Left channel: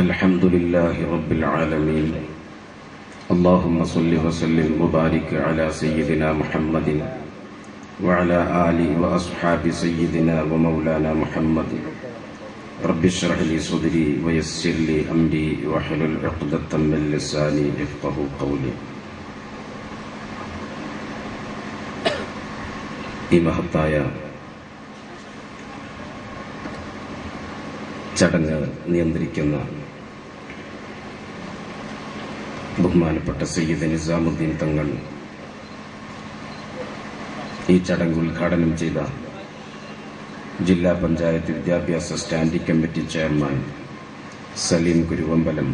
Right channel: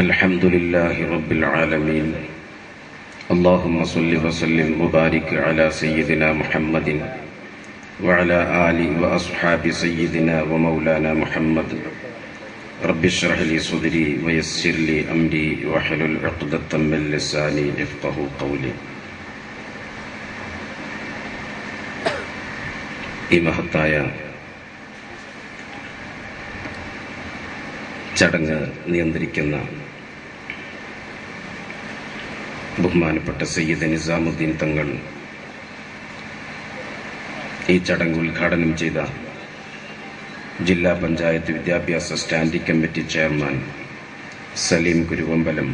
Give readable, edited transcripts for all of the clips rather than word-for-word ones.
الحمد لله رب العالمين اللهم صل وسلم وبارك على سيدنا محمد وعلى آله وأصحاب سيدنا ومولانا محمد رب اشرح لي صدري ويسر لي أمري واحلل عقدة من لساني يفقهوا قولي. ഈ മഹത്തായ ചടങ്ങ് നിയന്ത്രിക്കുന്ന ബഹുമാനപ്പെട്ട സയ്യിദ് നിസാമുദ്ദീൻ തങ്ങൾ, ഈ ചടങ്ങ് ഉദ്ഘാടനം ചെയ്ത ജില്ലാ പഞ്ചായത്ത് വിദ്യാഭ്യാസ standing committee chairman Saleem Kuruvambalam,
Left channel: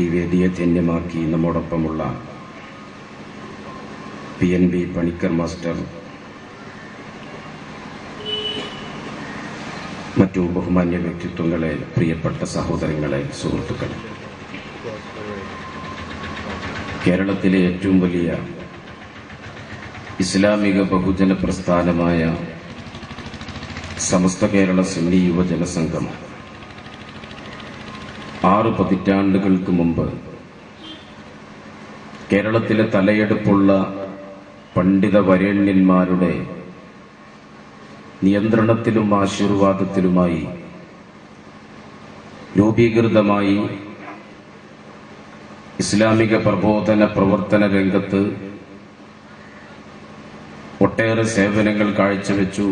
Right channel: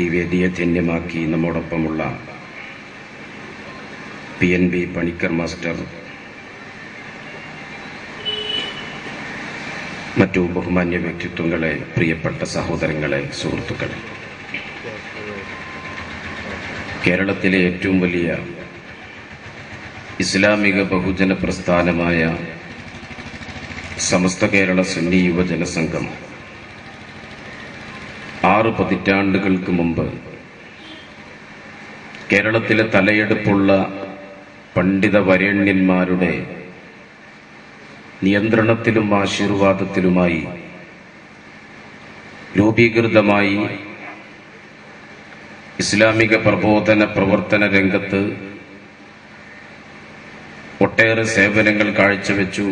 ഈ വേദിയെ ധന്യമാക്കി നമ്മോടൊപ്പമുള്ള PNB പണിക്കർ മാസ്റ്റർ, മറ്റു ബഹുമാന്യ വ്യക്തിത്വങ്ങളെ, പ്രിയപ്പെട്ട സഹോദരങ്ങളെ, സുഹൃത്തുക്കളെ, കേരളത്തിലെ ഏറ്റവും വലിയ ഇസ്ലാമിക ബഹുജന പ്രസ്ഥാനമായ സമസ്ത കേരള സുന്നി യുവജന സംഘം 6 പതിറ്റാണ്ടുകൾക്ക് മുമ്പ് കേരളത്തിലെ തലയെടുപ്പുള്ള പണ്ഡിത വരേണ്യന്മാരുടെ നിയന്ത്രണത്തിലും ആശീർവാദത്തിലുമായി രൂപീകൃതമായി ഇസ്ലാമിക പ്രബോധന പ്രവർത്തന രംഗത്ത് ഒട്ടേറെ സേവനങ്ങൾ കാഴ്ചവെച്ചു.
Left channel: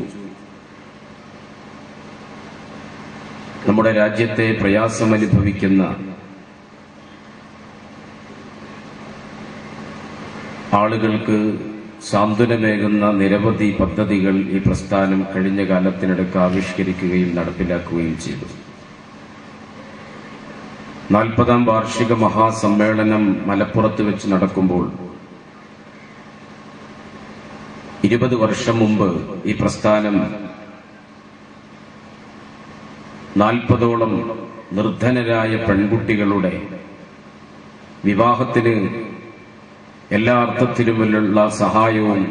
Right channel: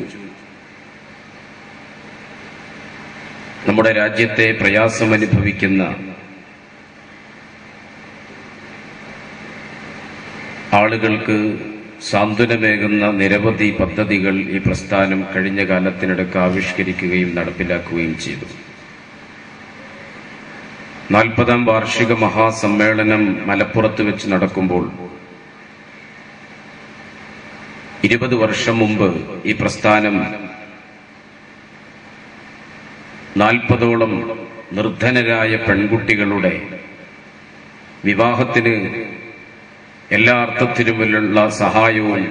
നമ്മുടെ രാജ്യത്തെ പ്രയാസമനുഭവിക്കുന്ന ആളുകൾക്ക് സാന്ത്വനമേകുന്ന നിരവധി പദ്ധതികൾ ഈ പ്രസ്ഥാനം കഴിഞ്ഞ കാലത്തിനിടയ്ക്ക് ആവിഷ്കരിക്കുകയും നടപ്പിലാക്കുകയും ചെയ്തു. 40ാം വാർഷിക മഹാസമ്മേളനം മലപ്പുറത്ത് വെച്ച് നടക്കുമ്പോൾ 20 വർഷം മുമ്പ് ഈ പ്രസ്ഥാനം 40ഓളം നിർധനരായ പെൺകുട്ടികളുടെ വിവാഹത്തിന് എല്ലാ അർത്ഥത്തിലുമുള്ള സഹായവും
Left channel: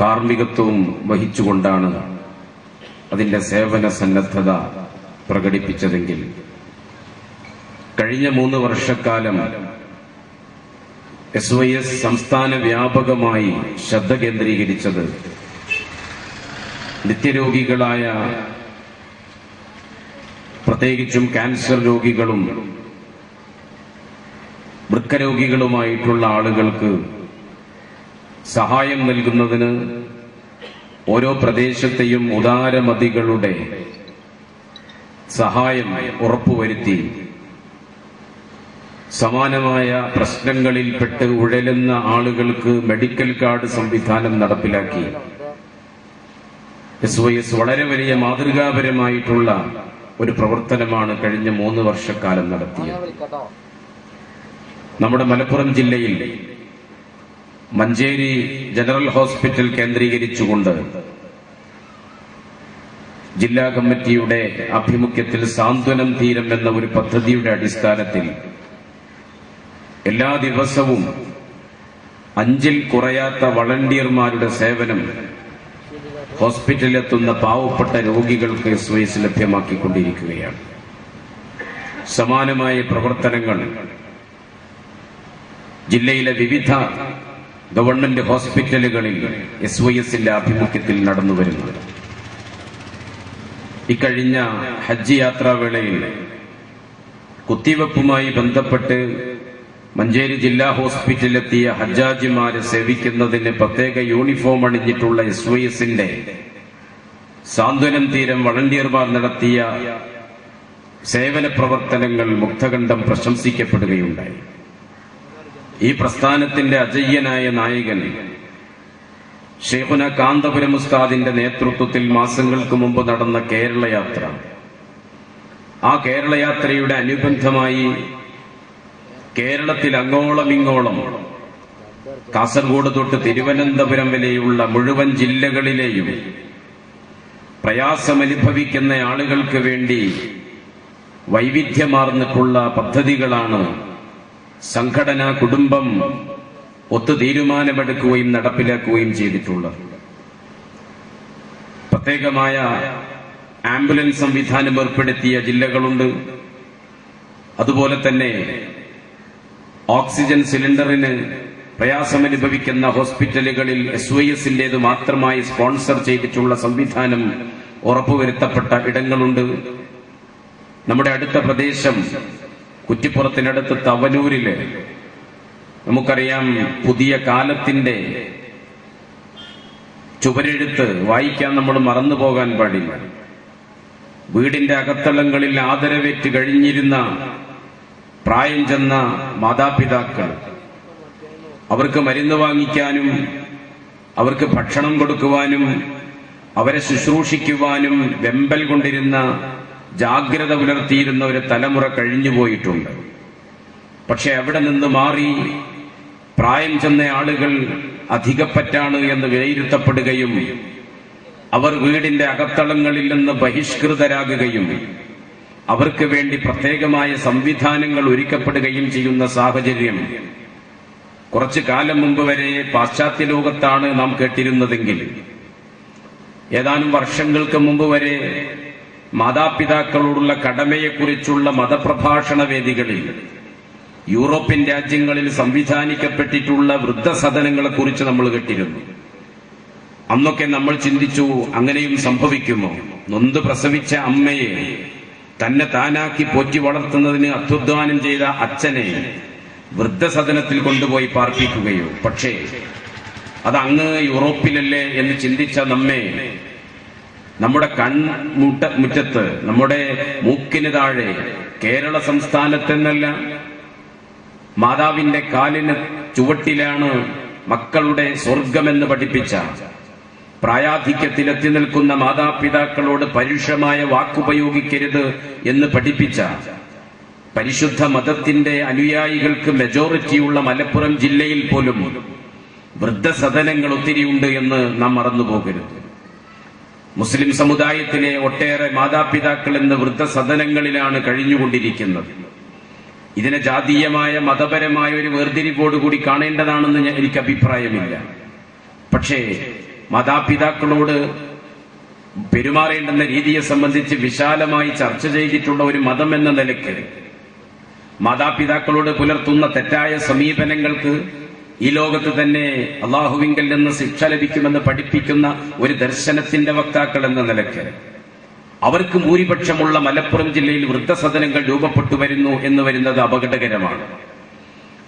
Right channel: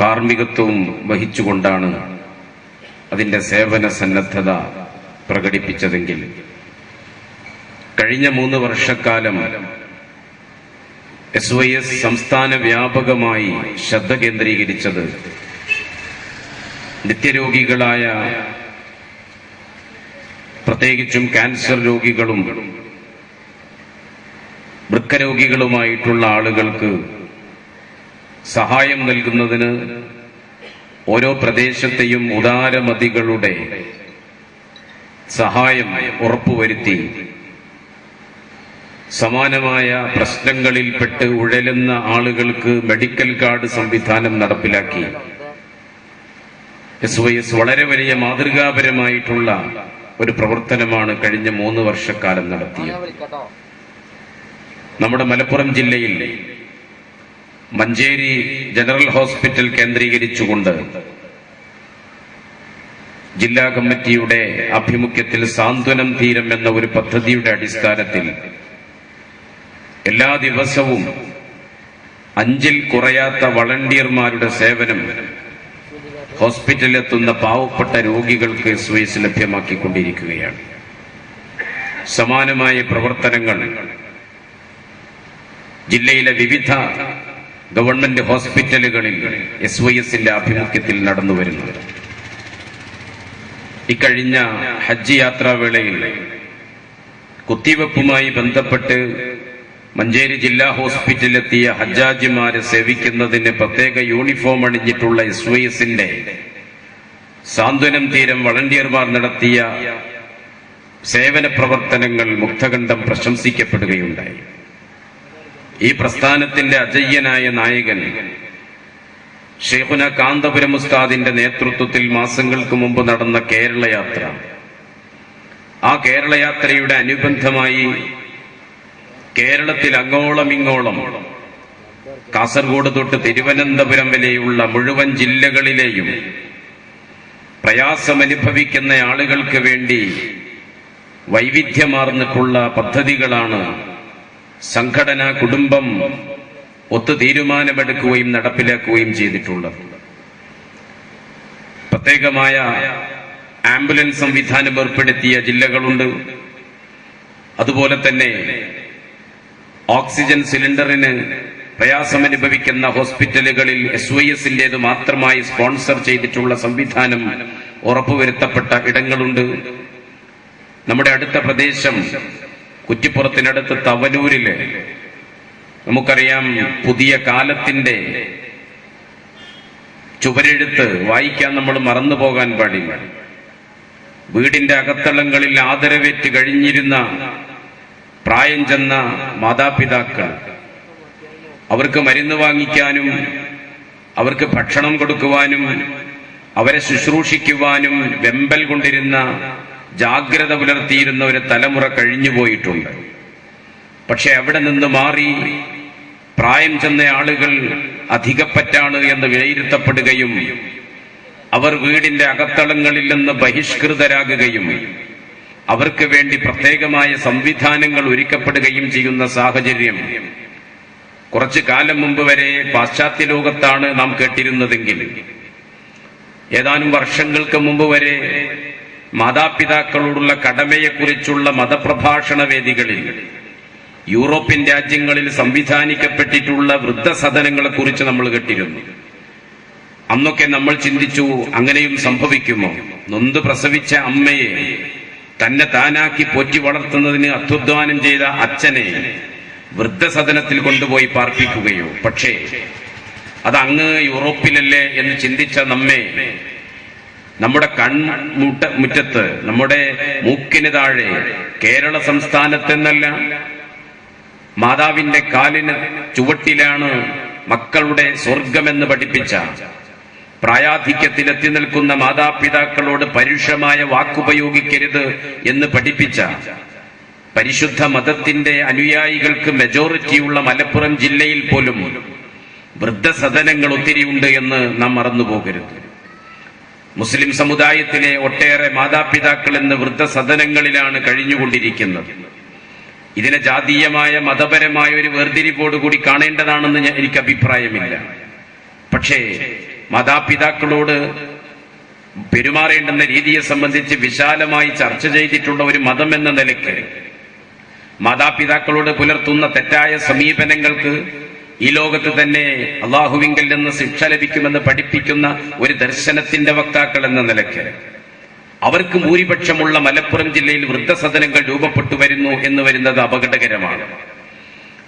കാർമ്മികത്വവും വഹിച്ചുകൊണ്ടാണ് അതിന്റെ സേവന സന്നദ്ധത പ്രകടിപ്പിച്ചതെങ്കിൽ കഴിഞ്ഞ 3 വർഷക്കാലം SYS സംസ്ഥാന വ്യാപകമായി ശ്രദ്ധ കേന്ദ്രീകരിച്ചത് നിത്യരോഗികളായ, പ്രത്യേകിച്ചും ക്യാൻസർ രോഗികളും വൃക്കരോഗികളുമായിട്ടുള്ള ആളുകൾക്ക് സഹായം നൽകുന്നതിന് ഓരോ പ്രദേശത്തെയും ഉദാരമതികളുടെ സഹായം ഉറപ്പുവരുത്തി സമാനമായ പ്രശ്നങ്ങളിൽപ്പെട്ട് ഉഴലുന്ന ആളുകൾക്ക് മെഡിക്കൽ കാർഡ് സംവിധാനം നടപ്പിലാക്കി SYS വളരെ വലിയ മാതൃകാപരമായിട്ടുള്ള ഒരു പ്രവർത്തനമാണ് കഴിഞ്ഞ 3 വർഷക്കാലം നടത്തിയത്. നമ്മുടെ മലപ്പുറം ജില്ലയിൽ മഞ്ചേരി ജനറൽ ഹോസ്പിറ്റൽ കേന്ദ്രീകരിച്ചുകൊണ്ട് ജില്ലാ കമ്മിറ്റിയുടെ ആഭിമുഖ്യത്തിൽ സാന്ത്വനം തീരം എന്ന ഒരു പദ്ധതിയുടെ അടിസ്ഥാനത്തിൽ എല്ലാ ദിവസവും 5ൽ കുറയാത്ത വളണ്ടിയർമാരുടെ സേവനം ഹോസ്പിറ്റലിലെത്തുന്ന പാവപ്പെട്ട രോഗികൾക്ക് SYS ലഭ്യമാക്കിക്കൊണ്ടിരിക്കുകയാണ്. സമാനമായ പ്രവർത്തനങ്ങൾ ജില്ലയിലെ വിവിധ ഗവൺമെന്റ് ഹോസ്പിറ്റലുകളിൽ SYSന്റെ ആഭിമുഖ്യത്തിൽ നടന്നുവരുന്നു. ഇക്കഴിഞ്ഞ ഹജ്ജ് യാത്രാവേളയിൽ കുത്തിവെപ്പുമായി ബന്ധപ്പെട്ട് മഞ്ചേരി ജില്ലാ ഹോസ്പിറ്റലിലെത്തിയ ഹജ്ജാജിമാരെ സേവിക്കുന്നതിന് പ്രത്യേക യൂണിഫോം അണിഞ്ഞിട്ടുള്ള SYSന്റെ സാന്ത്വനം തീരം വളണ്ടിയർമാർ നടത്തിയ സേവന പ്രവർത്തനങ്ങൾ മുക്തകണ്ഠം പ്രശംസിക്കപ്പെടുകയുണ്ടായി. ഈ പ്രസ്ഥാനത്തിന്റെ അജയ്യനായ നായകൻ ഷെയ്ഖുന കാന്തപുരം ഉസ്താദിന്റെ നേതൃത്വത്തിൽ മാസങ്ങൾക്ക് മുമ്പ് നടന്ന കേരളയാത്ര, ആ കേരളയാത്രയുടെ അനുബന്ധമായി കേരളത്തിൽ അങ്ങോളം ഇങ്ങോളം കാസർഗോഡ് തൊട്ട് തിരുവനന്തപുരം വരെയുള്ള മുഴുവൻ ജില്ലകളിലെയും പ്രയാസമനുഭവിക്കുന്ന ആളുകൾക്ക് വേണ്ടി വൈവിധ്യമാർന്നിട്ടുള്ള പദ്ധതികളാണ് സംഘടനാ കുടുംബം ഒത്തു തീരുമാനമെടുക്കുകയും നടപ്പിലാക്കുകയും ചെയ്തിട്ടുള്ളത്. പ്രത്യേകമായ ആംബുലൻസ് സംവിധാനം ഏർപ്പെടുത്തിയ ജില്ലകളുണ്ട്. അതുപോലെ തന്നെ ഓക്സിജൻ സിലിണ്ടറിന് പ്രയാസമനുഭവിക്കുന്ന ഹോസ്പിറ്റലുകളിൽ SYSന്റേത് മാത്രമായി സ്പോൺസർ ചെയ്തിട്ടുള്ള സംവിധാനം ഉറപ്പുവരുത്തപ്പെട്ട ഇടങ്ങളുണ്ട്. നമ്മുടെ അടുത്ത പ്രദേശം കുറ്റിപ്പുറത്തിനടുത്ത് തവനൂരില് നമുക്കറിയാം, പുതിയ കാലത്തിന്റെ ചുവരെഴുത്ത് വായിക്കാൻ നമ്മൾ മറന്നു പോകാൻ പാടില്ല. വീടിന്റെ അകത്തളങ്ങളിൽ ആദരവേറ്റ് കഴിഞ്ഞിരുന്ന പ്രായം ചെന്ന മാതാപിതാക്കൾ, അവർക്ക് മരുന്ന് വാങ്ങിക്കാനും അവർക്ക് ഭക്ഷണം കൊടുക്കുവാനും അവരെ ശുശ്രൂഷിക്കുവാനും വെമ്പൽ കൊണ്ടിരുന്ന, ജാഗ്രത പുലർത്തിയിരുന്ന ഒരു തലമുറ കഴിഞ്ഞുപോയിട്ടുണ്ട്. പക്ഷെ അവിടെ നിന്ന് മാറി പ്രായം ചെന്ന ആളുകൾ അധികപ്പറ്റാണ് എന്ന് വിലയിരുത്തപ്പെടുകയും അവർ വീടിന്റെ അകത്തളങ്ങളിൽ നിന്ന് ബഹിഷ്കൃതരാകുകയും അവർക്ക് വേണ്ടി പ്രത്യേകമായ സംവിധാനങ്ങൾ ഒരുക്കപ്പെടുകയും ചെയ്യുന്ന സാഹചര്യം കുറച്ചു കാലം മുമ്പ് വരെ പാശ്ചാത്യ ലോകത്താണ് നാം കേട്ടിരുന്നതെങ്കിൽ ഏതാനും വർഷങ്ങൾക്ക് മുമ്പ് വരെ മാതാപിതാക്കളോടുള്ള കടമയെക്കുറിച്ചുള്ള മതപ്രഭാഷണ വേദികളിൽ യൂറോപ്യൻ രാജ്യങ്ങളിൽ സംവിധാനിക്കപ്പെട്ടിട്ടുള്ള വൃദ്ധസദനങ്ങളെക്കുറിച്ച് നമ്മൾ കേട്ടിരുന്നു. അന്നൊക്കെ നമ്മൾ ചിന്തിച്ചു, അങ്ങനെയും സംഭവിക്കുമോ? നൊന്ത് പ്രസവിച്ച അമ്മയെ തന്നെ താനാക്കി പോറ്റി വളർത്തുന്നതിന് അധ്വാനം ചെയ്ത അച്ഛനെ വൃദ്ധസദനത്തിൽ കൊണ്ടുപോയി പാർപ്പിക്കുകയോ? പക്ഷേ അത് അങ്ങ് യൂറോപ്പിലല്ലേ എന്ന് ചിന്തിച്ച നമ്മെ നമ്മുടെ മുറ്റത്ത്, നമ്മുടെ മൂക്കിന് താഴെ കേരള സംസ്ഥാനത്തെന്നല്ല, മാതാവിന്റെ കാലിന് ചുവട്ടിലാണ് മക്കളുടെ സ്വർഗമെന്ന് പഠിപ്പിച്ച, പ്രായാധിക്യത്തിലെത്തി നിൽക്കുന്ന മാതാപിതാക്കളോട് പരുഷമായ വാക്കുപയോഗിക്കരുത് എന്ന് പഠിപ്പിച്ച പരിശുദ്ധ മതത്തിന്റെ അനുയായികൾക്ക് മെജോറിറ്റിയുള്ള മലപ്പുറം ജില്ലയിൽ പോലും വൃദ്ധസദനങ്ങൾ ഒത്തിരിയുണ്ട് എന്ന് നാം മറന്നുപോകരുത്. മുസ്ലിം സമുദായത്തിലെ ഒട്ടേറെ മാതാപിതാക്കൾ ഇന്ന് വൃദ്ധസദനങ്ങളിലാണ് കഴിഞ്ഞുകൊണ്ടിരിക്കുന്നത്. ഇതിനെ ജാതീയമായ മതപരമായ ഒരു വേർതിരിവോടുകൂടി കാണേണ്ടതാണെന്ന് എനിക്ക് അഭിപ്രായമില്ല. പക്ഷേ മാതാപിതാക്കളോട് പെരുമാറേണ്ടുന്ന രീതിയെ സംബന്ധിച്ച് വിശാലമായി ചർച്ച ചെയ്തിട്ടുള്ള ഒരു മതം എന്ന നിലയ്ക്ക് മാതാപിതാക്കളോട് പുലർത്തുന്ന തെറ്റായ സമീപനങ്ങൾക്ക് ഈ ലോകത്ത് തന്നെ അള്ളാഹുവിങ്കൽ നിന്ന് ശിക്ഷ ലഭിക്കുമെന്ന് പഠിപ്പിക്കുന്ന ഒരു ദർശനത്തിന്റെ വക്താക്കൾ എന്ന നിലയ്ക്ക് അവർക്ക് ഭൂരിപക്ഷമുള്ള മലപ്പുറം ജില്ലയിൽ വൃദ്ധസദനങ്ങൾ രൂപപ്പെട്ടു വരുന്നു എന്ന് വരുന്നത് അപകടകരമാണ്.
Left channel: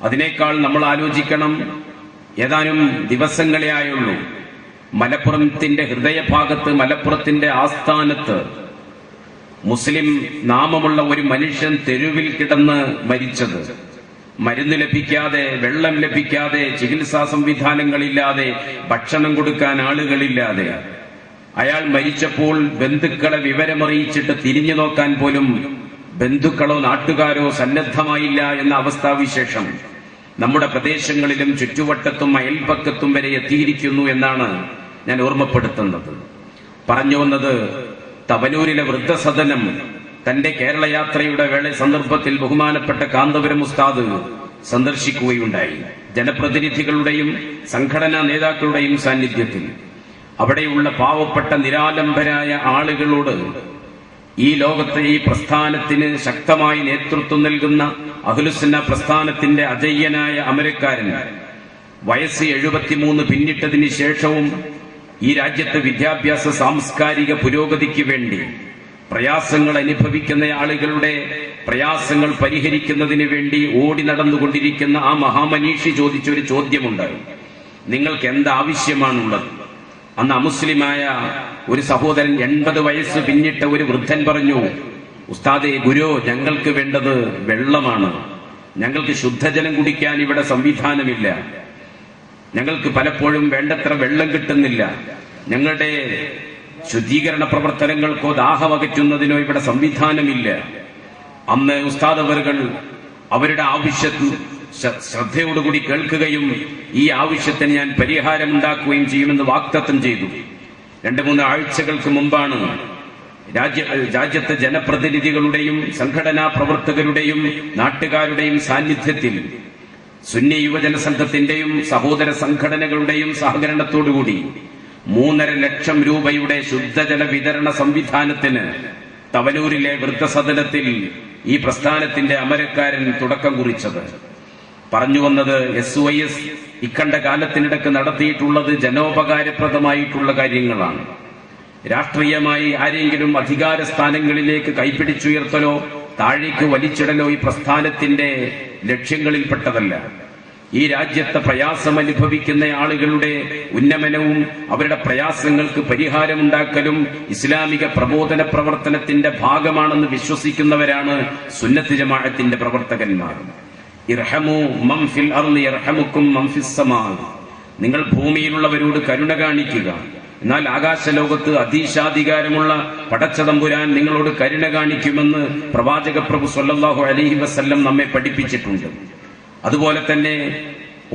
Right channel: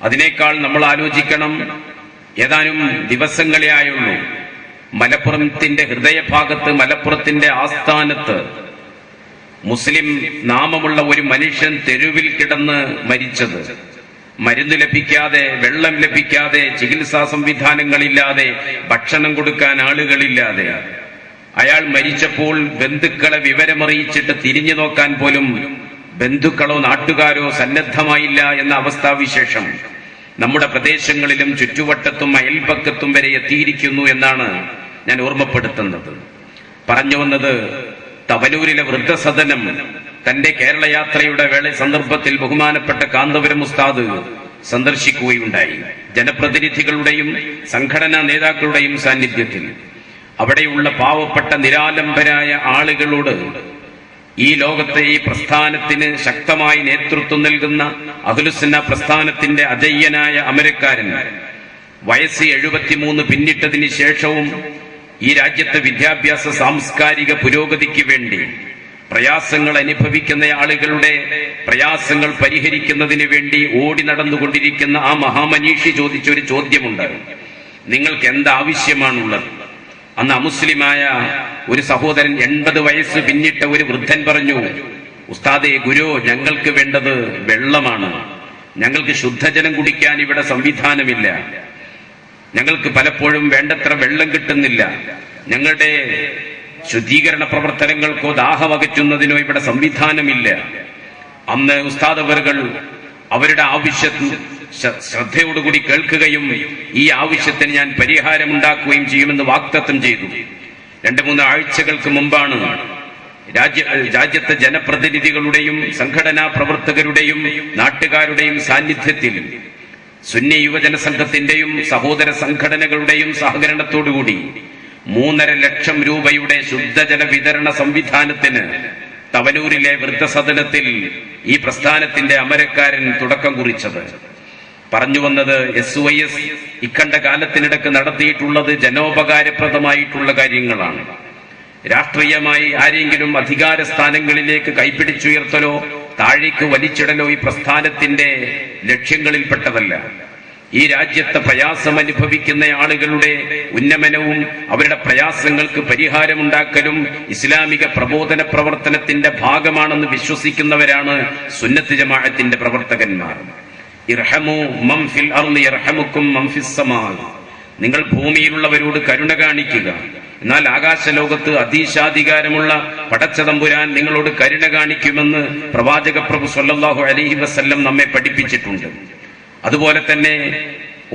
അതിനേക്കാൾ നമ്മൾ ആലോചിക്കണം, ഏതാനും ദിവസങ്ങളെ ആയുള്ളൂ മലപ്പുറത്തിന്റെ ഹൃദയഭാഗത്ത്, മലപ്പുറത്തിന്റെ ആസ്ഥാനത്ത് മുസ്ലിം നാമമുള്ള ഒരു മനുഷ്യൻ തെരുവിൽ കിടന്ന് മരിച്ചത്. മരുന്ന് ലഭിക്കാതെ, വെള്ളം ലഭിക്കാതെ, ചികിത്സാ സംവിധാനങ്ങളില്ലാതെ, ഭക്ഷണം കൊടുക്കാൻ ആളുകളില്ലാതെ അയാൾ മരിച്ചപ്പോൾ ബന്ധുക്കളെ വിവരമറിയിച്ചിട്ട് തിരിഞ്ഞു നോക്കാൻ പോലും ബന്ധുക്കളോ നാട്ടുകാരോ സന്നദ്ധമായില്ല എന്ന അവസ്ഥാവിശേഷം നമ്മുടെ പ്രദേശങ്ങളിലും ചുറ്റുവട്ടത്തും അയൽപക്കത്തും വരെ എത്തിയിരിക്കുന്നു എന്നാണ് ഞാൻ ഓർമ്മപ്പെടുത്തുന്നത്. പറഞ്ഞു വന്നത്, തവനൂരിലെ വൃദ്ധസദനം തന്റെ കേരള യാത്രയുടെ സന്ദർഭത്തിൽ ബഹുമാനപ്പെട്ട കാന്തപുരം ഉസ്താദ് സന്ദർശിക്കുകയുണ്ടായി. ജനപ്രതിനിധികളുടെയും സംഘടനാ നേതാക്കളുടെയും സാന്നിധ്യത്തിൽ അവിടെയുള്ള പാവപ്പെട്ട നിരാലംബരായ ആളുകളോട് ഈ ലോകത്തെ ഈ പ്രസ്ഥാനത്തിന് ശക്തമായി നേതൃത്വം നൽകുന്ന അഹ്ലുസുന്ന പ്രസ്ഥാനത്തിന്റെ അജയ്യനായ അമരക്കാരൻ, വയസ്സ് 73 പിന്നിട്ടതിന് ശേഷവും ഈ രാജ്യത്തെ വിദ്യാഭ്യാസ സാംസ്കാരിക പുരോഗതിക്ക് വേണ്ടി പ്രയാസങ്ങൾ അനുഭവിക്കുന്ന ആളുകളുടെ പ്രയാസങ്ങൾ പരിഹരിക്കുന്നതിന് വേണ്ടി ഓടി നടന്നുകൊണ്ടിരിക്കുന്ന ആ മഹാമനീഷി ചോദിച്ചൊരു ചോദ്യമുണ്ട്, നിങ്ങൾക്ക് എന്താവശ്യമാണുള്ളത്? അന്ന് അമുസ്ലിമായ ഒരു സഹോദരൻ, 80 വയസ്സ് പിന്നിട്ട ഒരു വൃദ്ധൻ പറഞ്ഞു, ഉസ്താദേ, ഗുരു, ഞങ്ങൾക്ക് വേണ്ടത് വെള്ളമാണ്. ഞങ്ങൾക്ക് ശുദ്ധജലം കുടിക്കാൻ ഇവിടെ സംവിധാനമില്ല. ഞങ്ങൾക്ക് പലപ്പോഴും വേണ്ടത്ര വെള്ളം കിട്ടുന്നില്ല. ഞങ്ങളുടെ ശുദ്ധീകരണ പ്രവർത്തനങ്ങൾക്കോ ദാഹമകറ്റുന്നതിനോ ഇവിടെ സംവിധാനമില്ല. അന്ന് ഉസ്താദ് അവர்கள் അവരുടെ ആവശ്യം ശ്രദ്ധയോടുകൂടി കേൾക്കുകയും ഈ ആവശ്യത്തിന് ഞാൻ പരിഹാരമുണ്ടാക്കുകയും ചെയ്യുമെന്ന് വാഗ്ദത്തം ചെയ്തു. 2-3 ആഴ്ചകൾക്ക് മുമ്പാണ് രാജ്യത്തെ ജനപ്രതിനിധികളുടെയും സംഘടനാ പ്രവർത്തകരുടെയും നാട്ടുകാരുടെയും സാന്നിധ്യത്തിൽ സുന്നി യുവജന സംഘത്തിന്റെയും സഹോദര സംഘടനകളുടെയും സഹകരണത്തോടുകൂടി 3.5 ലക്ഷം രൂപയുടെ ശുദ്ധജല വിതരണ സംവിധാനത്തിന് തവനൂരിലെ വൃദ്ധസദനത്തിൽ ഈ പ്രസ്ഥാനത്തിന്റെ അമരക്കാരൻ തുടക്കം കുറിച്ചത്. പറഞ്ഞു വന്നത് SYS ഇക്കണ്ട കാലത്തിനിടക്ക് നടത്തിയിട്ടുള്ളത് ജനോപകാരപ്രദമായിട്ടുള്ള കാര്യങ്ങളാണ്. രാഷ്ട്രീയമായി ആരെങ്കിലും അധികാര സ്ഥാനങ്ങളിലേക്ക് കൈപ്പിടിച്ചുയർത്തലോ താഴേക്ക് വലിച്ചിടലോ ഈ പ്രസ്ഥാനത്തിന്റെ ലക്ഷ്യങ്ങളിൽപ്പെട്ടതല്ല. ഈ രാജ്യത്തെ പ്രയാസം അനുഭവിക്കുന്ന ആളുകളുടെ ഉന്നമനവും അവരുടെ പ്രയാസങ്ങൾക്ക് പരിഹാരമുണ്ടാക്കലും ഇസ്ലാമിക പ്രബോധന പ്രവർത്തനത്തിന്റെ ഭാഗമാണെന്ന് വിശ്വസിക്കുന്നവരാണ് സുന്നത്ത് ജമാഅത്തിന്റെ പ്രവർത്തകന്മാർ. ഇർഹമു മൻ ഫിൽ അർളി യർഹമുക്കും മൻ ഫിസ് സമാ. നിങ്ങൾ ഭൂമിയിലുള്ളവരോട് കരുണ കാണിക്കുക, എന്നാൽ ആകാശലോകത്ത് അധീശാധികാരമുള്ള പടച്ചതമ്പുരാൻ നിങ്ങളോട് കരുണ കാണിക്കുമെന്ന് പ്രവാചക പ്രഭു സ്വല്ലല്ലാഹു അലൈഹി വസല്ലം നമ്മെ പഠിപ്പിച്ചിട്ടുണ്ട്. അതുപോലെ തന്നെ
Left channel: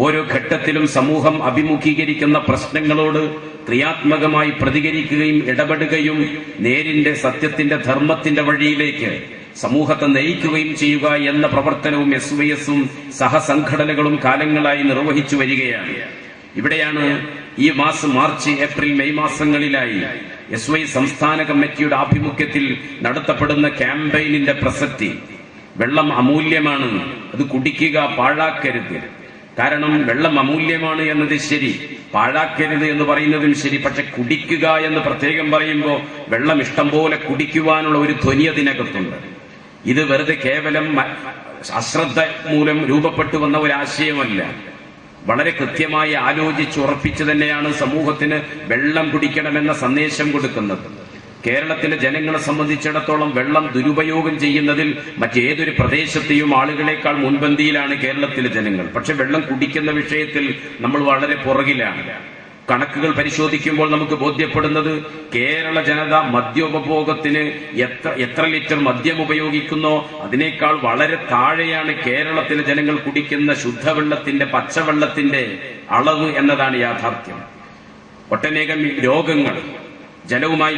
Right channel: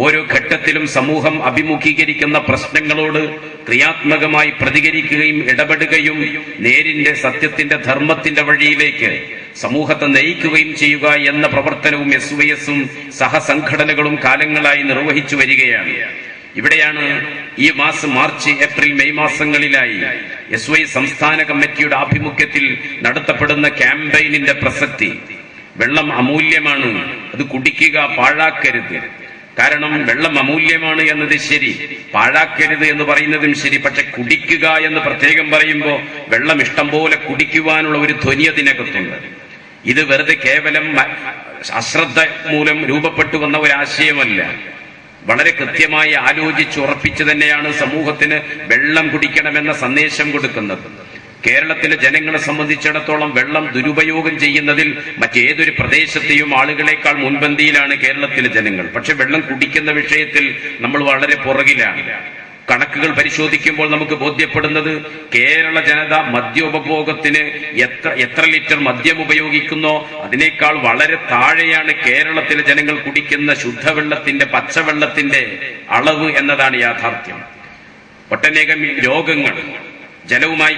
ഓരോ ഘട്ടത്തിലും സമൂഹം അഭിമുഖീകരിക്കുന്ന പ്രശ്നങ്ങളോട് ക്രിയാത്മകമായി പ്രതികരിക്കുകയും ഇടപെടുകയും നേരിന്റെ സത്യത്തിന്റെ ധർമ്മത്തിന്റെ വഴിയിലേക്ക് സമൂഹത്തെ നയിക്കുകയും ചെയ്യുക എന്ന പ്രവർത്തനവും SYSഉം സഹസംഘടനകളും കാലങ്ങളായി നിർവഹിച്ചു വരികയാണ്. ഇവിടെയാണ് ഈ മാർച്ച് ഏപ്രിൽ മെയ് മാസങ്ങളിലായി SYS സംസ്ഥാന കമ്മിറ്റിയുടെ ആഭിമുഖ്യത്തിൽ നടത്തപ്പെടുന്ന ക്യാമ്പയിനിന്റെ പ്രസക്തി. വെള്ളം അമൂല്യമാണ്, അത് കുടിക്കുക, പാഴാക്കരുത്. കാരണം വെള്ളം അമൂല്യമാണ് എന്നത് ശരി, പാഴാക്കരുത് എന്ന് പറയുന്നതും ശരി. പക്ഷെ കുടിക്കുക എന്ന് പ്രത്യേകം പറയുമ്പോൾ വെള്ളം ഇഷ്ടം പോലെ കുടിക്കുവാനുള്ള ഒരു ധ്വനി അതിനകത്തുണ്ട്. ഇത് വെറുതെ കേവലം അശ്രദ്ധ മൂലം രൂപപ്പെട്ടു വന്ന ഒരാശയമല്ല. വളരെ കൃത്യമായി ആലോചിച്ചുറപ്പിച്ചു തന്നെയാണ് സമൂഹത്തിന് വെള്ളം കുടിക്കണമെന്ന സന്ദേശം കൊടുക്കുന്നത്. കേരളത്തിലെ ജനങ്ങളെ സംബന്ധിച്ചിടത്തോളം വെള്ളം ദുരുപയോഗം ചെയ്യുന്നതിൽ മറ്റേതൊരു പ്രദേശത്തെയും ആളുകളെക്കാൾ മുൻപന്തിയിലാണ് കേരളത്തിലെ ജനങ്ങൾ. പക്ഷെ വെള്ളം കുടിക്കുന്ന വിഷയത്തിൽ നമ്മൾ വളരെ പുറകിലാണ്. കണക്കുകൾ പരിശോധിക്കുമ്പോൾ നമുക്ക് ബോധ്യപ്പെടുന്നത് കേരള ജനത മദ്യോപഭോഗത്തിന് എത്ര ലിറ്റർ മദ്യം ഉപയോഗിക്കുന്നോ അതിനേക്കാൾ വളരെ താഴെയാണ് കേരളത്തിലെ ജനങ്ങൾ കുടിക്കുന്ന ശുദ്ധവെള്ളത്തിന്റെ, പച്ചവെള്ളത്തിന്റെ അളവ് എന്നതാണ് യാഥാർത്ഥ്യം. ഒട്ടനേകം രോഗങ്ങൾ ജലവുമായി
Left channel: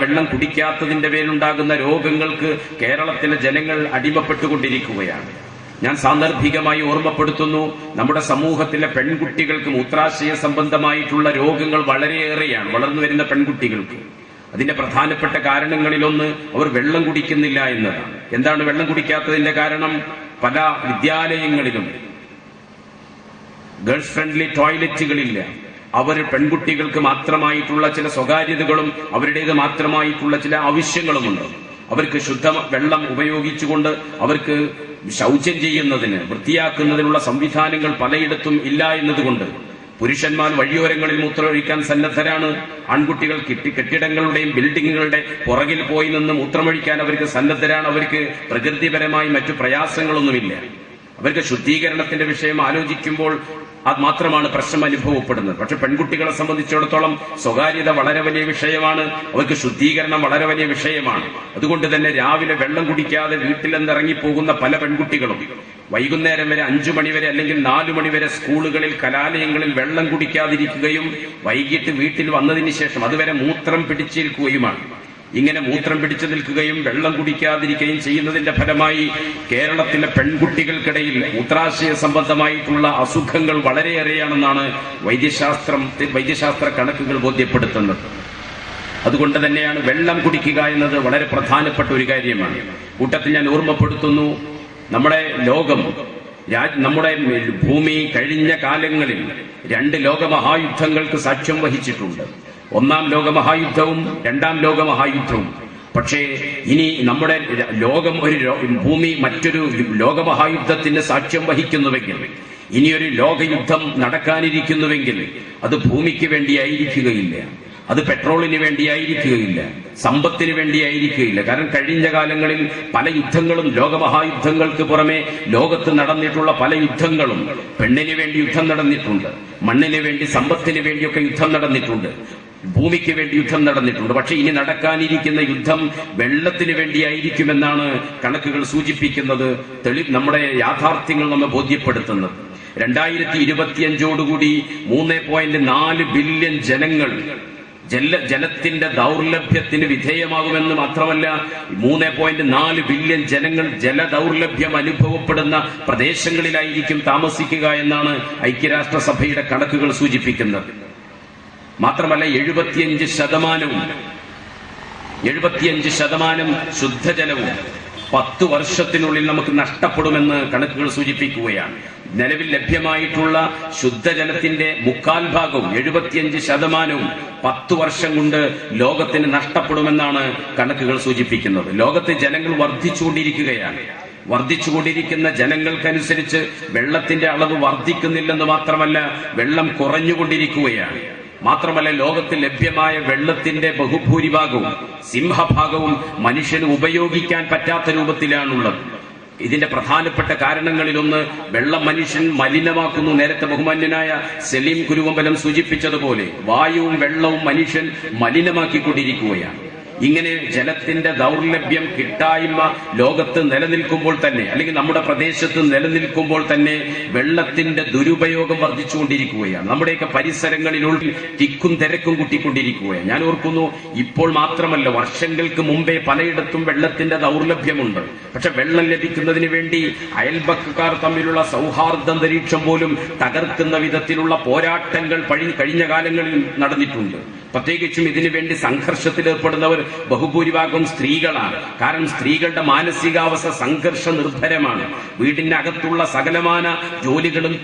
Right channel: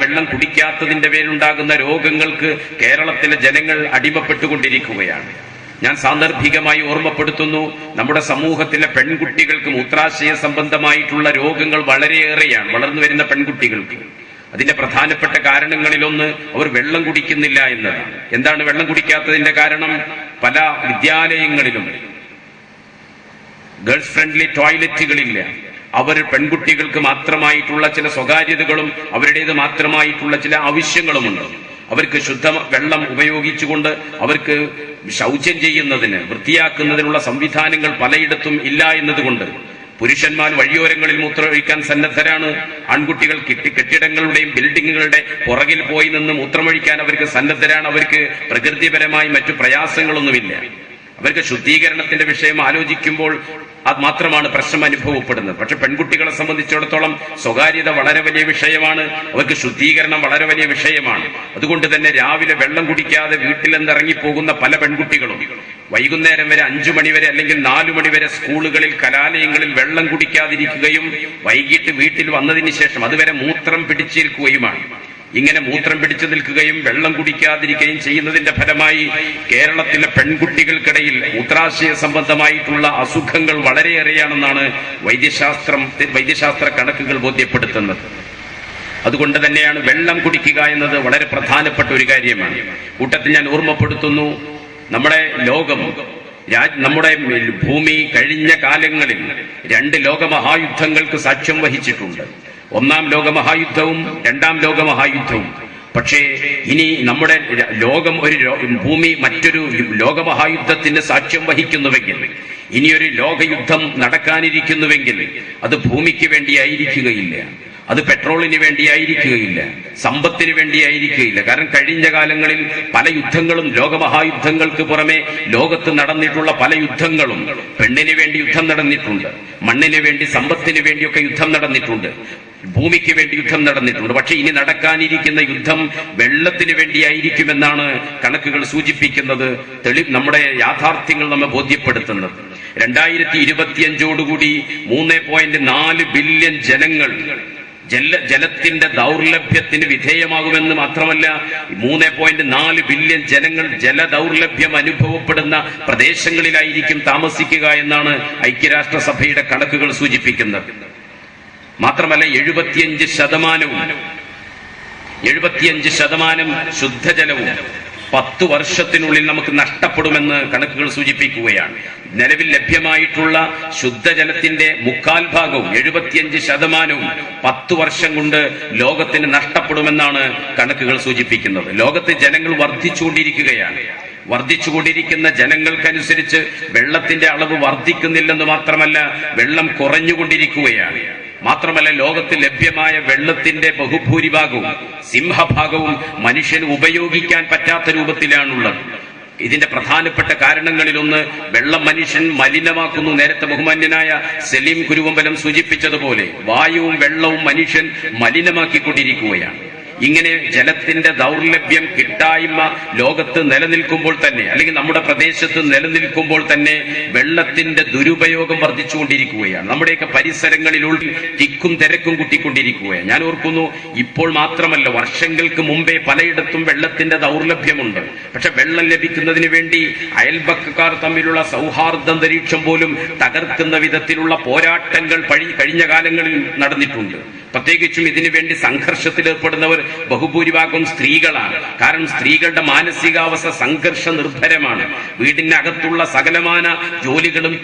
വെള്ളം കുടിക്കാത്തതിന്റെ പേരിലുണ്ടാകുന്ന രോഗങ്ങൾക്ക് കേരളത്തിലെ ജനങ്ങൾ അടിമപ്പെട്ടുകൊണ്ടിരിക്കുകയാണ്. ഞാൻ സാന്ദർഭികമായി ഓർമ്മപ്പെടുത്തുന്നു, നമ്മുടെ സമൂഹത്തിലെ പെൺകുട്ടികൾക്ക് മൂത്രാശയ സംബന്ധമായിട്ടുള്ള രോഗങ്ങൾ വളരെയേറെയാണ് വളർന്നു വരുന്ന പെൺകുട്ടികൾക്ക്. അതിന്റെ പ്രധാനപ്പെട്ട കാരണങ്ങളിലൊന്ന് അവർ വെള്ളം കുടിക്കുന്നില്ല എന്നതാണ്. എന്താണ് വെള്ളം കുടിക്കാത്തതിന്റെ കാരണം? പല വിദ്യാലയങ്ങളിലും ഗേൾസ് ഫ്രണ്ട്ലി ടോയ്ലറ്റുകളില്ല. അവർ പെൺകുട്ടികൾക്ക് മാത്രമായിട്ടുള്ള ചില സ്വകാര്യതകളും അവരുടേത് മാത്രമായിട്ടുള്ള ചില ആവശ്യങ്ങളുമുണ്ട്. അവർക്ക് ശുദ്ധ വെള്ളം ഉപയോഗിച്ചുകൊണ്ട് അവർക്ക് ശൗചം ചെയ്യുന്നതിന്, വൃത്തിയാക്കുന്നതിനുള്ള സംവിധാനങ്ങൾ പലയിടത്തും ഇല്ല എന്നതുകൊണ്ട് പുരുഷന്മാർ വഴിയോരങ്ങളിൽ മൂത്രമൊഴിക്കാൻ സന്നദ്ധരാണ്. ആൺകുട്ടികൾ കെട്ടിടങ്ങളുടെയും ബിൽഡിങ്ങുകളുടെ പുറകിൽ പോയി നിന്ന് മൂത്രമൊഴിക്കാൻ അവർക്ക് സന്നദ്ധരാണ്. അവർക്ക് പ്രകൃതിപരമായി മറ്റു പ്രയാസങ്ങളൊന്നുമില്ല. അവർക്ക് ശുദ്ധീകരണത്തിന്റെ വിഷയം ആലോചിക്കുമ്പോൾ അത് മാത്രമാണ് പ്രശ്നം അനുഭവപ്പെടുന്നത്. പക്ഷെ പെൺകുട്ടികളെ സംബന്ധിച്ചിടത്തോളം സ്വകാര്യത വളരെ വലിയ വിഷയമാണ്, അവർക്ക് ശുദ്ധീകരണം വളരെ വലിയ വിഷയമാണ്. അതുകൊണ്ട് തന്നെ രാവിലെ വെള്ളം കുടിക്കാതെ വീട്ടിൽ നിന്നിറങ്ങിപ്പോകുന്ന പല പെൺകുട്ടികളും വൈകുന്നേരം വരെ 5 മണിവരെ അല്ലെങ്കിൽ 4 മണിവരെ സ്കൂളുകളിൽ, കലാലയങ്ങളിൽ വെള്ളം കുടിക്കാതിരിക്കുകയും വൈകിട്ട് വീട്ടിൽ വന്നതിന് ശേഷം അതുവരെ മൂത്രം പിടിച്ചിരിക്കുകയുമാണ്. ഇങ്ങനെ മൂത്രം പിടിച്ചു നിൽക്കുകയും വെള്ളം കുടിക്കാതിരിക്കുകയും ചെയ്യുന്നതിന്റെ ഫലമായി കേരളത്തിലെ പെൺകുട്ടികൾക്കിടയിൽ മൂത്രാശയ സംബന്ധമായിട്ടുള്ള അസുഖങ്ങൾ വളരെയേറെയാണെന്നാണ് വൈദ്യശാസ്ത്ര കണക്കുകൾ ബോധ്യപ്പെടുത്തുന്നത്. അതുകൊണ്ട് തന്നെയാണ് വെള്ളം കുടിക്കുക എന്നത് വളരെ പ്രധാനപ്പെട്ട ഒരു കാര്യമാണ്. കൂട്ടത്തിൽ ഞാൻ ഓർമ്മപ്പെടുത്തുന്നു, നമ്മുടെ ലോകം, നമ്മുടെ ഭൂമി കഴിഞ്ഞ കാലങ്ങളിൽ 2 ലോകമഹായുദ്ധങ്ങൾക്ക് സാക്ഷ്യം വഹിച്ചിട്ടുണ്ട്. 1-ാം ലോകമഹായുദ്ധവും 2-ാം ലോകമഹായുദ്ധവും. പക്ഷേ ഇനി നമ്മുടെ ഭൂമി മറ്റൊരു ലോകമഹായുദ്ധത്തിന് സാക്ഷ്യം വഹിക്കുന്നുവെങ്കിൽ, ഇനിയൊരു ലോകയുദ്ധം നടക്കാനിരിക്കുന്നുവെങ്കിൽ അത് ഭൂമിക്ക് വേണ്ടിയായിരിക്കുകയില്ല, അത് പെട്രോളിന് വേണ്ടിയായിരിക്കുകയില്ല, സമ്പത്തിന് വേണ്ടിയായിരിക്കുകയില്ല. കാരണം കഴിഞ്ഞ കാലങ്ങളിൽ പല യുദ്ധങ്ങളും, ലോകമഹായുദ്ധങ്ങൾക്ക് പുറമെ ലോകത്ത് നടന്നിട്ടുള്ള പല യുദ്ധങ്ങളും പെണ്ണിന് വേണ്ടി യുദ്ധം നടന്നിട്ടുണ്ട്, മണ്ണിന് വേണ്ടി, സമ്പത്തിന് വേണ്ടിയൊക്കെ യുദ്ധം നടന്നിട്ടുണ്ട്, ഭൂമിക്ക് വേണ്ടി യുദ്ധം നടന്നിട്ടുണ്ട്. പക്ഷെ ഇനി നടക്കാനിരിക്കുന്ന യുദ്ധം വെള്ളത്തിന് വേണ്ടിയായിരിക്കുമെന്നാണ് കണക്കുകൾ സൂചിപ്പിക്കുന്നത്. നമ്മുടെ യാഥാർത്ഥ്യങ്ങൾ നമ്മെ ബോധ്യപ്പെടുത്തുന്നത്. 2025ഓടുകൂടി 3.4 ബില്യൺ ജനങ്ങൾ ജലത്തിന്റെ ദൗർലഭ്യത്തിന് വിധേയമാകുമെന്ന് മാത്രമല്ല, 3.4 ബില്യൺ ജനങ്ങൾ ജലദൗർലഭ്യം അനുഭവപ്പെടുന്ന പ്രദേശങ്ങളിലായിരിക്കും താമസിക്കുക എന്നാണ് ഐക്യരാഷ്ട്രസഭയുടെ കണക്കുകൾ സൂചിപ്പിക്കുന്നത്. മാത്രമല്ല 75% ശുദ്ധജലവും 10 വർഷത്തിനുള്ളിൽ നമുക്ക് നഷ്ടപ്പെടുമെന്ന് കണക്കുകൾ സൂചിപ്പിക്കുകയാണ്. നിലവിൽ ലഭ്യമായിട്ടുള്ള ശുദ്ധജലത്തിന്റെ 1/4 ഭാഗവും 75% 10 വർഷം കൊണ്ട് ലോകത്തിന് നഷ്ടപ്പെടുമെന്നാണ് കണക്കുകൾ സൂചിപ്പിക്കുന്നത്. ലോകത്തെ ജനങ്ങൾ വർദ്ധിച്ചുകൊണ്ടിരിക്കുകയാണ്. വർദ്ധിച്ചുകൊണ്ടിരിക്കുന്ന ജനങ്ങൾക്കനുസരിച്ച് വെള്ളത്തിന്റെ അളവ് വർദ്ധിക്കുന്നില്ലെന്ന് മാത്രമല്ല, വെള്ളം കുറഞ്ഞുകൊണ്ടിരിക്കുകയാണ്. മാത്രമല്ല, ലോകത്തിൽ ലഭ്യമായ വെള്ളത്തിന്റെ ബഹുഭൂരിഭാഗവും സിംഹഭാഗവും മനുഷ്യന് ഉപയോഗിക്കാൻ പറ്റാത്ത രൂപത്തിലാണുള്ളത്. ഇതിന്റെ പ്രധാനപ്പെട്ട കാരണങ്ങളിലൊന്ന് വെള്ളം മനുഷ്യൻ മലിനമാക്കുന്നു. നേരത്തെ ബഹുമാന്യനായ സലീം കുരുവമ്പലം സൂചിപ്പിച്ചതുപോലെ വായുവും വെള്ളവും മനുഷ്യൻ മലിനമാക്കിക്കൊണ്ടിരിക്കുകയാണ്. ഇങ്ങനെ ജലത്തിന്റെ ദൗർലഭ്യം, കിട്ടായ്മ ലോകത്ത് നിലനിൽക്കുമ്പോൾ തന്നെ, അല്ലെങ്കിൽ നമ്മുടെ പ്രദേശത്ത് നിലനിൽക്കുമ്പോൾ തന്നെ വെള്ളത്തിന്റെ ദുരുപയോഗം വർദ്ധിച്ചുകൊണ്ടിരിക്കുകയാണ്. നമ്മുടെയൊക്കെ പരിസരങ്ങളിലുള്ള തിക്കും തിരക്കും കൂട്ടിക്കൊണ്ടിരിക്കുകയാണ്. ഞാൻ ഓർക്കുന്നു, ഇപ്പോൾ മാത്രമല്ല, വർഷങ്ങൾക്ക് മുമ്പേ പലയിടത്തും വെള്ളത്തിന്റെ ദൗർലഭ്യമുണ്ട്. പക്ഷെ വെള്ളം ലഭിക്കുന്നതിന് വേണ്ടി അയൽപക്കക്കാർ തമ്മിലുള്ള സൗഹാർദ്ദാന്തരീക്ഷം പോലും തകർക്കുന്ന വിധത്തിലുള്ള പോരാട്ടങ്ങൾ കഴിഞ്ഞ കാലങ്ങളിൽ നടന്നിട്ടുണ്ട്. പ്രത്യേകിച്ചും ഇതിനുവേണ്ടി സംഘർഷത്തിലേർപ്പെടുന്നവർ ബഹുഭൂരിഭാഗം സ്ത്രീകളാണ്. കാരണം സ്ത്രീകളുടെ മാനസികാവസ്ഥ സംഘർഷ നിർഭരമാണ്. വീടിനകത്തുള്ള സകലമാന ജോലികളും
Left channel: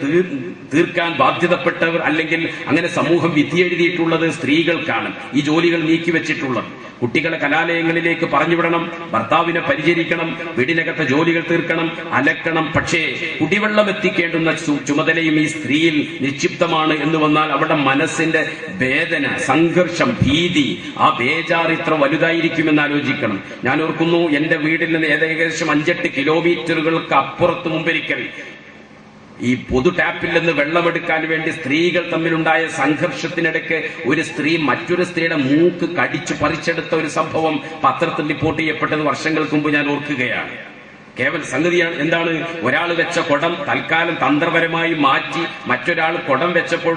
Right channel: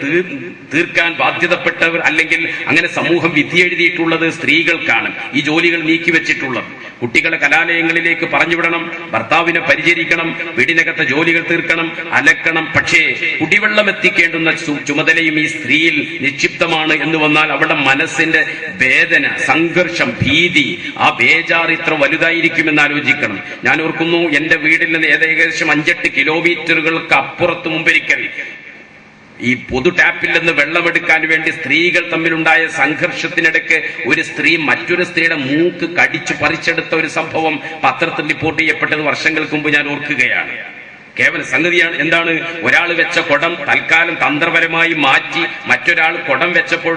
തീർക്കാൻ ബാധ്യതപ്പെട്ടവർ, അല്ലെങ്കിൽ അങ്ങനെ സമൂഹം വിധിയെഴുതിയിട്ടുള്ളത് സ്ത്രീകൾക്കാണ് ഈ ജോലികൾ നീക്കിവെച്ചിട്ടുള്ളത്. കുട്ടികളെ കലാലയങ്ങളിലേക്ക് പറഞ്ഞുവിടണം, ഭർത്താവിനെ പരിചരിക്കണം, വീടിനകത്തെ ജോലികൾ തീർക്കണം, അലക്കണം. പക്ഷേ കുടിവെള്ളം എത്തിക്കേണ്ടുന്ന ചുമതലയും ഈ സ്ത്രീയിൽ നിക്ഷിപ്തമാണ് എന്ന് വന്നാൽ അവരുടെ മനസ്സിന്റെ വേദന, സംഘർഷം, ഭീതി, ആ ബേജാർ ഇത്ര വലുതായിരിക്കുമെന്ന് ആലോചിക്കണം. ഞാൻ ഓർക്കുന്നു, എന്റെ വീട്ടിൽ നിന്ന് ഏകദേശം 5-8 കിലോമീറ്ററുകൾക്ക് അപ്പുറത്ത് മുമ്പൊരിക്കൽ ഈ പൊതു ടാപ്പിൽ നിന്ന് വെള്ളമെടുക്കാൻ വേണ്ടി സ്ത്രീകൾ തമ്മിലുണ്ടായ സംഘർഷത്തിനിടയ്ക്ക് ഒരു സ്ത്രീ മറ്റൊരു സ്ത്രീയുടെ മൂക്ക് കടിച്ചു പറിച്ചെടുത്ത ഒരു സംഭവം പത്രത്തിൽ റിപ്പോർട്ട് ചെയ്യപ്പെട്ടത് വർഷങ്ങൾക്ക് മുമ്പ് ഞാൻ ഓർക്കുകയാണ്. കേവല സംഗതിയാണ്. എന്താണ്? ഒരാൾ വെച്ച കുടം തൽക്കാലം തന്ത്രപരമായി മാറ്റി മറ്റൊരാൾ കുടം വെച്ചപ്പോൾ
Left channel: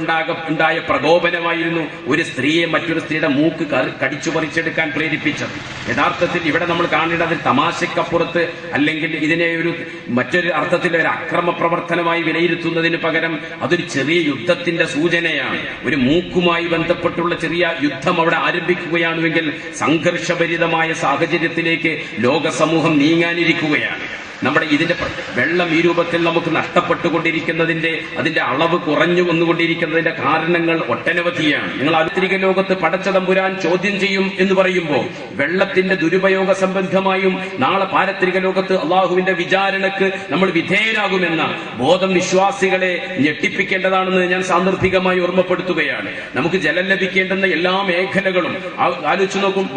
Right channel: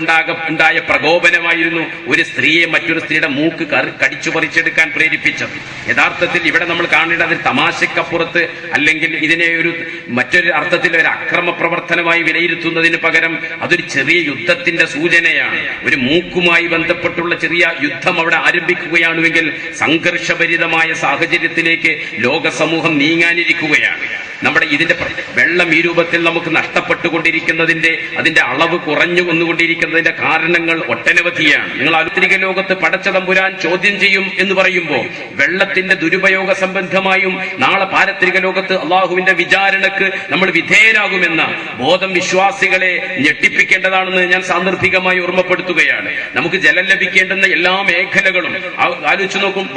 ഉണ്ടായ പ്രകോപനമായിരുന്നു ഒരു സ്ത്രീയെ മറ്റൊരു സ്ത്രീയുടെ മൂക്ക് കടിച്ചു പറിച്ചെടുക്കാൻ പ്രേരിപ്പിച്ചത്. യഥാർത്ഥത്തിൽ ഇവിടെ നമ്മൾ കാണേണ്ടത് തമാശക്കപ്പുറത്ത്, അല്ലെങ്കിൽ ഇതിനെ മറ്റൊരു അർത്ഥത്തിൽ ഒരു അക്രമ പ്രവർത്തനമായി വിലയിരുത്തുന്നതിന് പകരം അതൊരു ചെറിയ യുദ്ധത്തിന്റെ സൂചനയാണ്. ഒരു മൂക്കുമായി ബന്ധപ്പെട്ടുള്ള ചെറിയ യുദ്ധം അവിടെ ആരംഭിക്കുകയാണെങ്കിൽ സംഘർഷഭരിതമായ സാഹചര്യത്തിലേക്ക് ലോക സമൂഹം നീങ്ങാനിരിക്കുകയാണ്. നമ്മുടെ ഇതിന്റെ വെള്ളം ഈ രൂപത്തിൽ നമുക്ക് അതിന്റെ അളവ് കുറഞ്ഞു വന്നുകൊണ്ടിരിക്കുന്നതിന്റെ കാരണങ്ങൾ ഒട്ടനവധിയാണ്. നിങ്ങൾ ആധുനിക ലോകത്ത് പടച്ചതമ്പുരാൻ ചോദ്യം ചെയ്യും എന്ന് പറയുമ്പോൾ വെള്ളത്തിന്റെ ദുരുപയോഗ സംബന്ധമായും നാളെ പാരത്രിക ലോകത്ത് അള്ളാഹുവിന്റെ വിചാരണക്ക് നമ്മൾ വിധേയരാകുമെന്ന ബോധം വിശ്വാസികളെ ഞെട്ടിപ്പിക്കേണ്ടതാണെന്ന് ഞാൻ സാന്ദർഭികമായി ഓർമ്മപ്പെടുത്തുകയാണ്. നമുക്ക് ജലം ലഭിക്കേണ്ടുന്ന എല്ലാ മേഖലകളും ആലോചിച്ചു നോക്കും.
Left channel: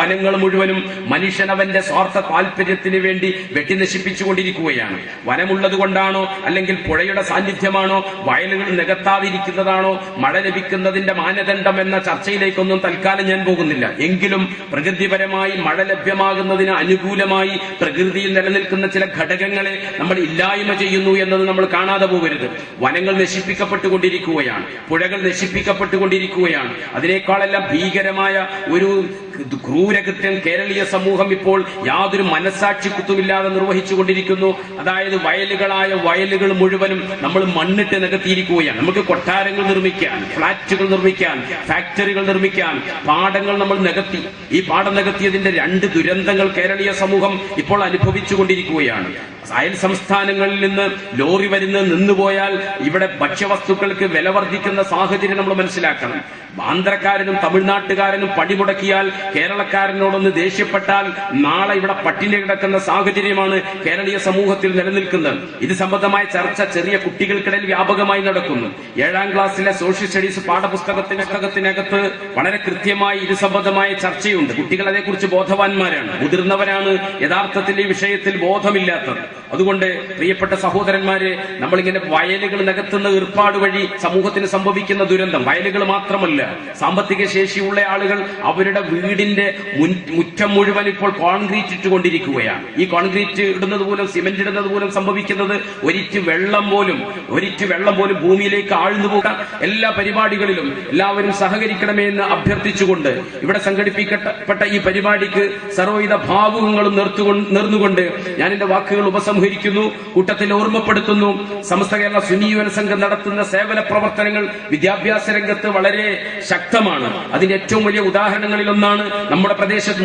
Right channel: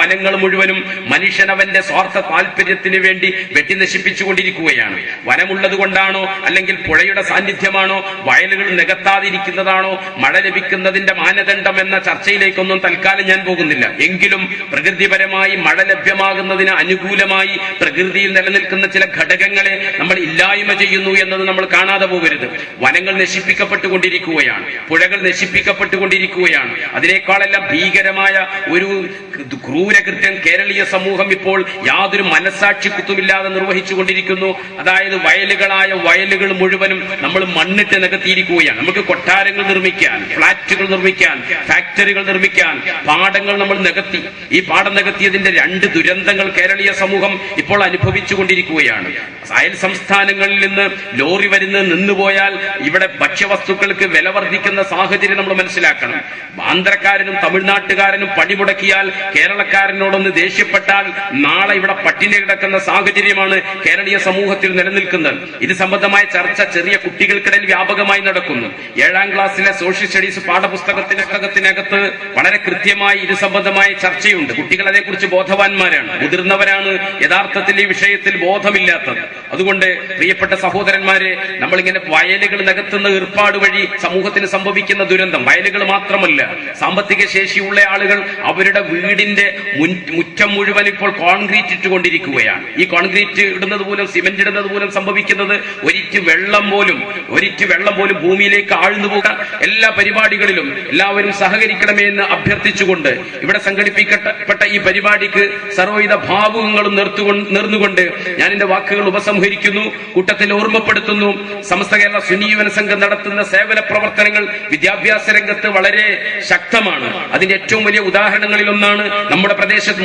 വനങ്ങൾ മുഴുവനും മനുഷ്യനവന്റെ സ്വാർത്ഥ താല്പര്യത്തിന് വേണ്ടി വെട്ടി നശിപ്പിച്ചുകൊണ്ടിരിക്കുകയാണ്. വനമുള്ളത് കൊണ്ടാണോ, അല്ലെങ്കിൽ പുഴയുടെ സാന്നിധ്യമാണോ, വയലുകൾ നികത്താതിരിക്കുന്നതാണോ മഴ ലഭിക്കുന്നതിന്റെ മാനദണ്ഡം എന്ന ചർച്ചയിലേക്കൊന്നും തൽക്കാലം ഞാൻ പോകുന്നില്ല. എങ്കിലും പ്രകൃതിപരമായി മഴ ലഭ്യമാകുന്നതിന് അനുകൂലമായി പ്രകൃതിയിൽ നിലനിൽക്കുന്ന ചില ഘടകങ്ങളെ നമ്മൾ ഇല്ലായ്മ ചെയ്യുന്നു എന്നത് നമ്മൾ കാണാതെ പോകരുത്. വനങ്ങൾ നശിപ്പിക്കപ്പെട്ടുകൊണ്ടിരിക്കുകയാണ്, പുഴകൾ നശിപ്പിക്കപ്പെട്ടുകൊണ്ടിരിക്കുകയാണ്. അതിനേക്കാളെല്ലാം ഭീകരമായ ഒരു ക്രൂരകൃത്യം കേരളീയ സമൂഹം ഇപ്പോൾ യാതൊരു മനസാക്ഷിക്കുത്തുമില്ലാതെ നിർവഹിച്ചുകൊണ്ടിരിക്കുന്നു. അതായത് വയലുകൾ മുഴുവനും നമ്മൾ മണ്ണിട്ട് നികത്തിയിരിക്കുകയാണ്. നമുക്ക് കൊട്ടാരങ്ങൾ നിർമ്മിക്കാൻ, ഫ്ളാറ്റുകൾ നിർമ്മിക്കാൻ, ഫാക്ടറികൾ നിർമ്മിക്കാൻ പാടങ്ങൾ നമ്മൾ നികത്തി. ഈ പാടം നികത്തിയതിന്റെ 2 ദുരന്തങ്ങൾ കേരളീയ സമൂഹം ഇപ്പോൾ അനുഭവിച്ചുകൊണ്ടിരിക്കുകയാണ്. അയൽ സംസ്ഥാനങ്ങളിൽ നിന്ന് ലോറി വരുന്നത് നിന്നുപോയാൽ ഇവിടെ ഭക്ഷ്യവസ്തുക്കൾക്ക് വില വർദ്ധിക്കുന്ന സാഹചര്യം നമ്മൾ മനസ്സിലാക്കണം. ആന്ധ്രക്കാരനും തമിഴ്നാട്ടുകാരനും പണിമുടക്കിയാൽ കേരളക്കാരനോടൊന്ന് ദേഷ്യപ്പെട്ടാൽ നാളെ ഇവിടെ പട്ടിണി കിടക്കുന്ന സാഹചര്യമാണ് കേരളീയ സമൂഹത്തിൽ നിലനിൽക്കുന്നത്. ഇത് സംബന്ധമായ ചർച്ച ചെറിയ കുട്ടികൾക്കിടയിൽ വ്യാപകമായി നടക്കുന്നു. 7ാം ക്ലാസ്സിലെ സോഷ്യൽ സ്റ്റഡീസ് പാഠപുസ്തകത്തിനകത്ത് വളരെ കൃത്യമായി ഇത് സംബന്ധമായ ചർച്ചയുണ്ട്. കുട്ടികൾ അതേക്കുറിച്ച് ബോധവാന്മാരാണ്. മുതിർന്നവരാണ് യഥാർത്ഥത്തിൽ ഈ വിഷയത്തിൽ ബോധമില്ലാത്തത്. അതുകൊണ്ട് പ്രിയപ്പെട്ട സഹോദരന്മാരെ, നമ്മളിങ്ങനെ വയലുകൾ നികത്തുന്ന ഏർപ്പാട് വഴി സമൂഹത്തിന് സംഭവിക്കുന്ന ദുരന്തം വയലുകൾ മാത്രമല്ല, സാമ്പത്തിക ശേഷിയുള്ള ആളുകൾ അവരുടെ വീട് വീടിന്റെ മുറ്റം മുഴുവൻ ഇപ്പോൾ കോൺക്രീറ്റ് ഇട്ടുകൊണ്ടിരിക്കുകയാണ്. ഈ കോൺക്രീറ്റ് ഇടുന്നത് മൂലം, സിമന്റ് ഇടുന്നത് മൂലം സംഭവിക്കുന്നത് ഒരിറ്റ് വെള്ളം പോലും ഭൂമിയിലേക്ക് ആഴ്ന്നു പോകാൻ എല്ലാ പരിപാടികളിലും എല്ലാവരും സഹകരിക്കണമേ എന്ന് അഭ്യർത്ഥിച്ചുകൊണ്ട് ഇവിടെ സംഘടിപ്പിക്കപ്പെട്ട ഈ പരിപാടിക്ക് സർവ്വവിധ ഭാവുകങ്ങളും നേർന്നുകൊണ്ട് ഞാൻ എന്റെ വാക്കുകൾ ഉപസംഹരിക്കുന്നു. കൂട്ടത്തിൽ ഓർമ്മപ്പെടുത്തുന്നു, സമസ്ത കേരള സുന്നി യുവന സംഘം നടത്തുന്ന സേവന പ്രവർത്തനങ്ങൾ വിദ്യാഭ്യാസ രംഗത്ത് വളരെ ശക്തമാണ്. അതിന്റെ ഏറ്റവും വലിയ ഉദാഹരണങ്ങളിൽ ഒന്നാണ് നമ്മുടെ പ്രദേശത്ത്